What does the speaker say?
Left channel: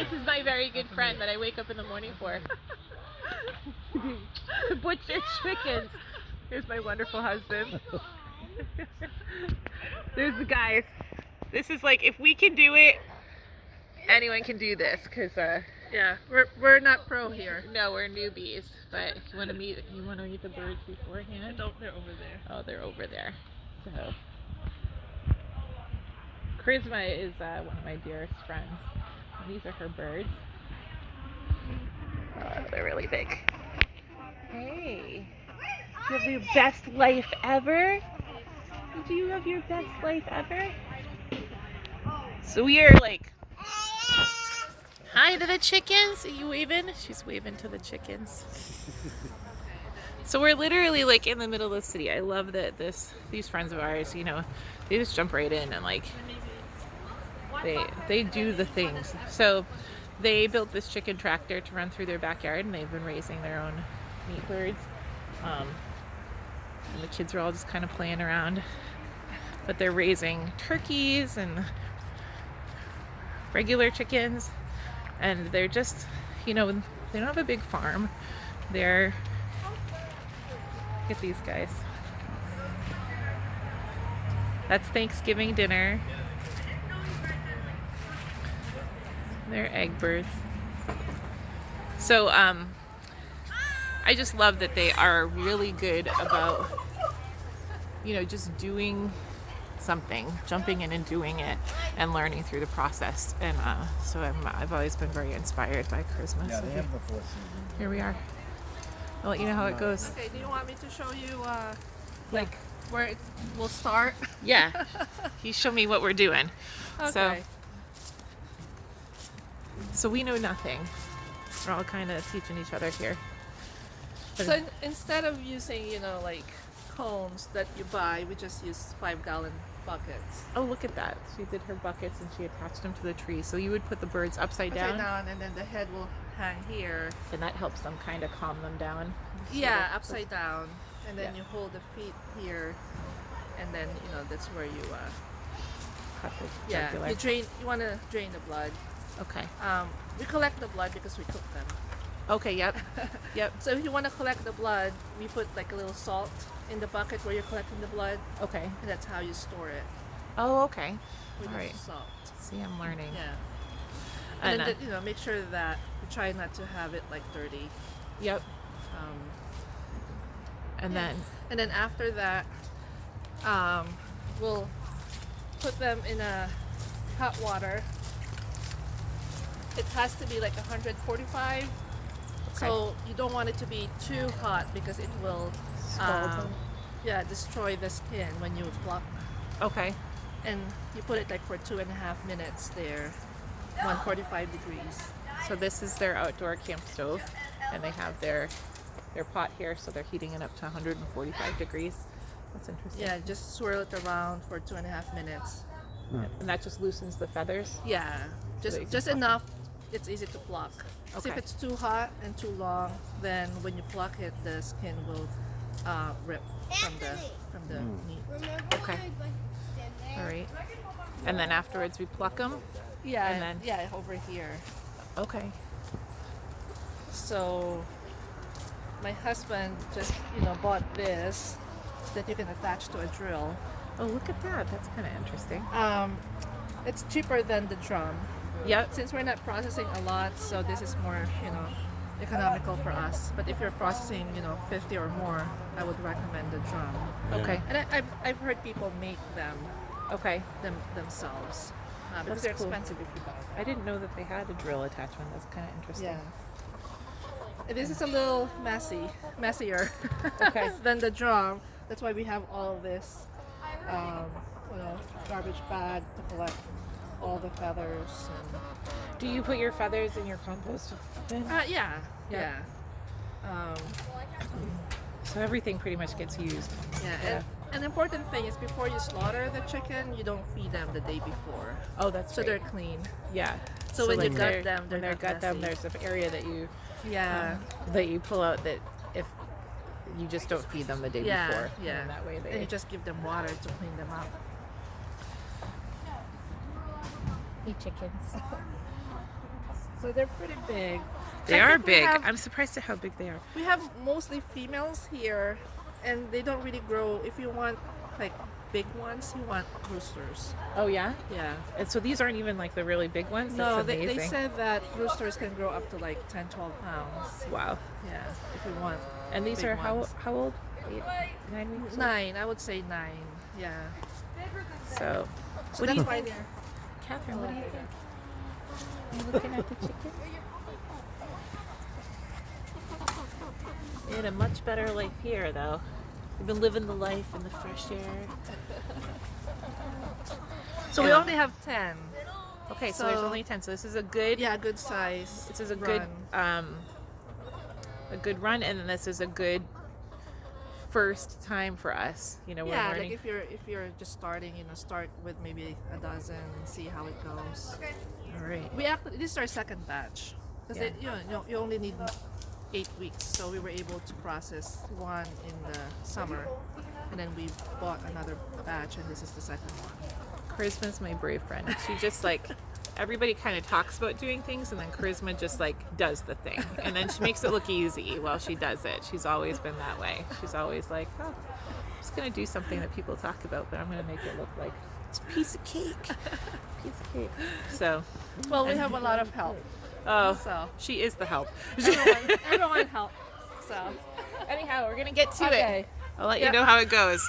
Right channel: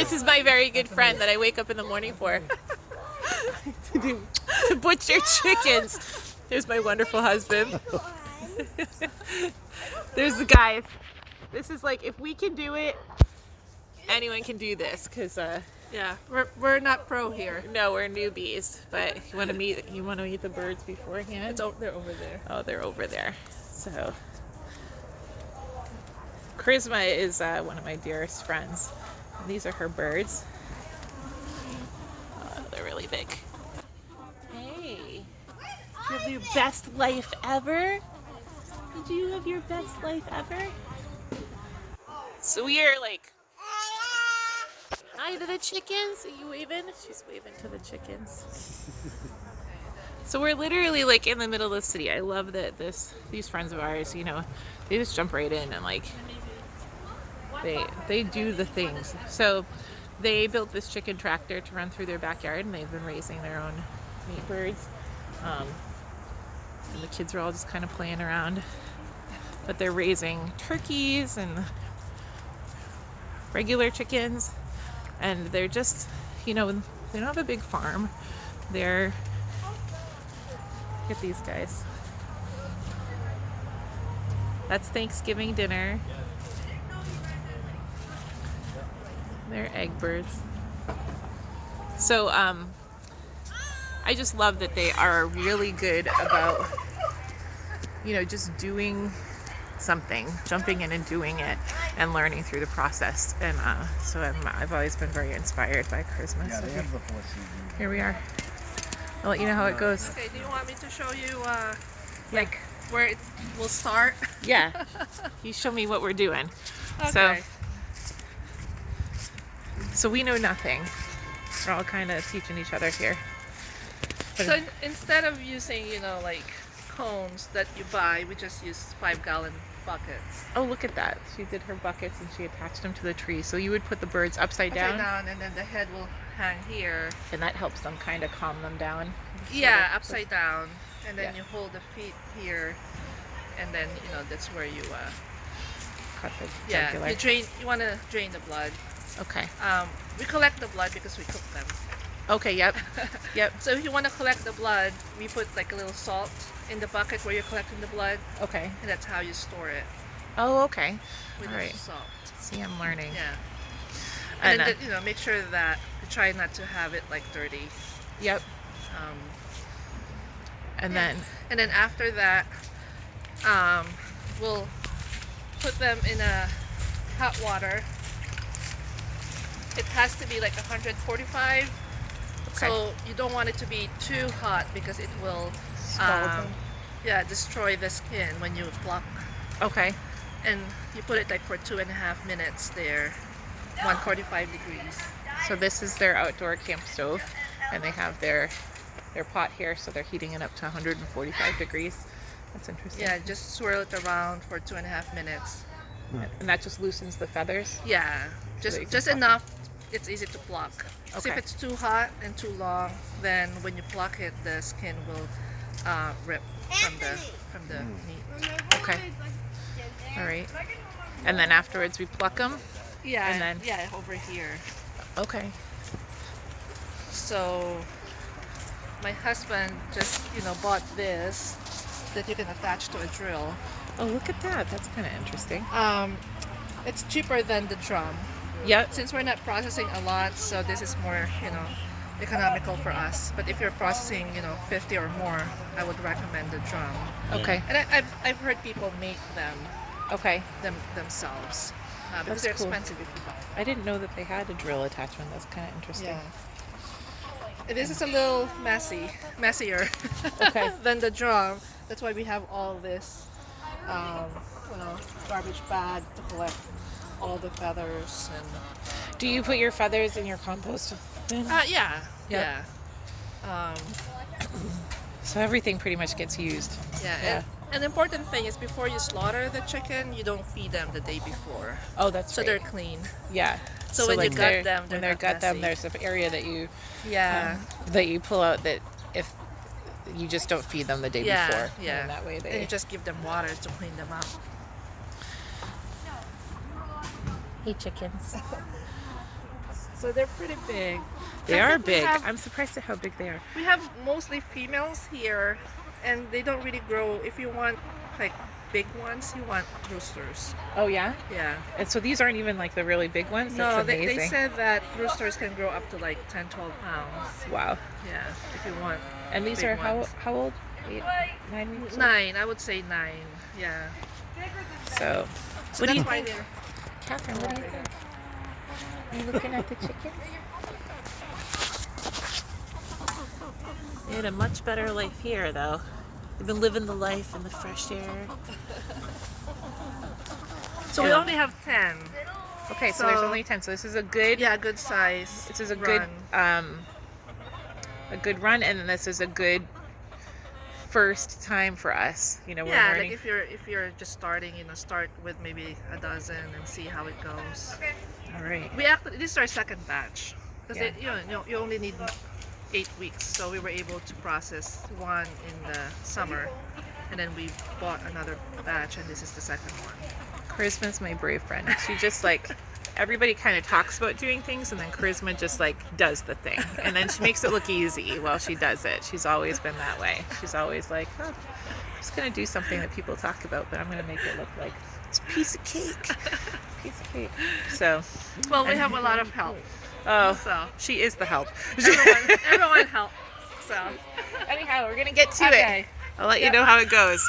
This is my very good friend that I wake up in the morning for. to butcher chickens. There's my wonderful husband. There's the guys. This is like, if we can do it, anyone can do this, because Yeah, we're not pro here. no, we're newbies. But you want to meet the birds beforehand? They're over there. Oh, they're over there. So Charisma is one of my dearest friends. And these are her birds. Oh, they're really big. Hey, you have your best life ever? Did you have your best life ever? So we are like, hi to the chickens. Are you waving? She's waving to the chickens. So we're literally like in the middle of the city. I love that these friends of ours, you know, they just jump right in and like they do the things. So they built this chicken tractor to run through their backyard, and they've been raising their own meat birds. And the kids are all just kind of playing around, but they're raising turkeys and regular chickens, and they're just, you know, they don't have a big farm. They're, look at these guys. That's Thanksgiving dinner. They're egg birds. So I just love that they are really good about, you know, just doing something, jumping in and doing it, and learning through the process. And so I've always been very inspired by Charisma. Yeah, So they have the 4 seasons. here we are. I'll let you know how it goes. Okay, do you want me to show you like where it will start? Yeah, you show me what we're doing. Okay. So we know nothing. We're all kind of teaching each other here. So instead of using, you know, like cones that you buy, we just use 5-gallon buckets. Oh, look at that. She did her buckets and she attached them to the tree. So you would put the birds upside Upside down, down, and then the head will hang here. and that helps them kind of calm them down. Yeah, upside down, and then Yeah. you hold the feet here, and then you know that's where you Cut the yeah, jugular. you want to drain the blood. Okay. We collect the blood because we cook them. Okay, yep. Yep. So if you want to collect the blood, we put like a little salt in the bucket where you're collecting the blood, Okay. and that's how you store it, Oh, okay. with All the right. salt. See, I'm learning. Yeah. And, And then, you know, make sure that you try not to have it like dirty. yep. Um, And Yeah. then, and then after that, we'll put them in a hot water. It has to be like 145. Okay. So you don't want it to be too hot because it will, Scald them. destroy the skin when you pluck. okay. And you put it like for 2.5 minutes there, 145 degrees. So this is their outdoor camp stove, and they have their pot here, so they're heating it up to 145 degrees. That's interesting. Yeah, just swirl it around for 2.5 minutes. And that just loosens the feathers. Yeah, that you can just pluck it. enough. It's easy to pluck. So if Okay. it's too hot and too long, then when you pluck it, the skin will rip from the meat. Okay. All right. And then afterwards we pluck them. Yeah, And then- yeah, over here. Okay. So my husband just bought this that you can attach to a drill. Oh, look at that. That's kind of interesting. It's cheaper than the drum. Yep. Since we're not processing a lot, so this is more, economical for us. But if you're processing, 50 or more, I would recommend the drum. Okay. And I've heard people make them Okay. themselves because That's they're cool. expensive if you buy. I didn't know that they had a drill attachment. That's kind of interesting. Yeah. This is a little messier Okay. than the drum. That's why we have all this, garbage bag to collect all the feathers and. Do you put your feathers in your compost bin? Yeah. Yeah. So everything pretty much gets used. Yeah. Yeah. And an important thing is before you slaughter the chicken, you don't feed them the day before, Oh, that's so right. they're clean. Yeah. So when you like gut them, when they're they not gut them, messy. there's an area that you Yeah. pull out that if you just don't feed them the day Yeah, before. yeah. And that way And they. you just give them water to clean them up. Hey chickens. So they're pretty big. They are Technically big. have- I'm surprised at how big they are. We have mostly females here, and they don't really grow. If you want like big ones, you want roosters. Oh yeah? Yeah. And so these aren't even like the really big ones? No, That's they amazing. said that roosters can grow up to like 10, 12 pounds. Wow. Yeah, if you want. And these big are ones. how old? 8, 9 weeks old? 9, I would say 9. Yeah. So, So what do that's you why think? they're. Catherine, what do you think? Are you looking at the chickens? We had a much better life here, though. We've been living the life in the fresh air. So we Yeah. only have 10. Okay, so there's So- only 10. So this is a good. Yeah, good size. This is a run. good run, and then this is a good first time for us. You know, we're Yeah, learning. like if you're just starting, start with maybe a dozen and see how it goes. All right. We actually this is our second batch because Yeah. you only need 8 weeks, so we were able to process one in the summer, and then we bought another batch, and this is the second one. Charisma's my brave friend. She just like everybody kind of talks about doing things, and then Charisma just like does the thing, and then she makes it look easy while she does it. She's always been that way. She's always like, oh, I'm just gonna do something that people talk about, but I'm gonna make it look like it's a piece of cake. Piece of cake. So, Well, we have a lot of help, oh, so she is the help. everyone help. So Anyhow, we're gonna get to okay. it. I'll let you know how it goes.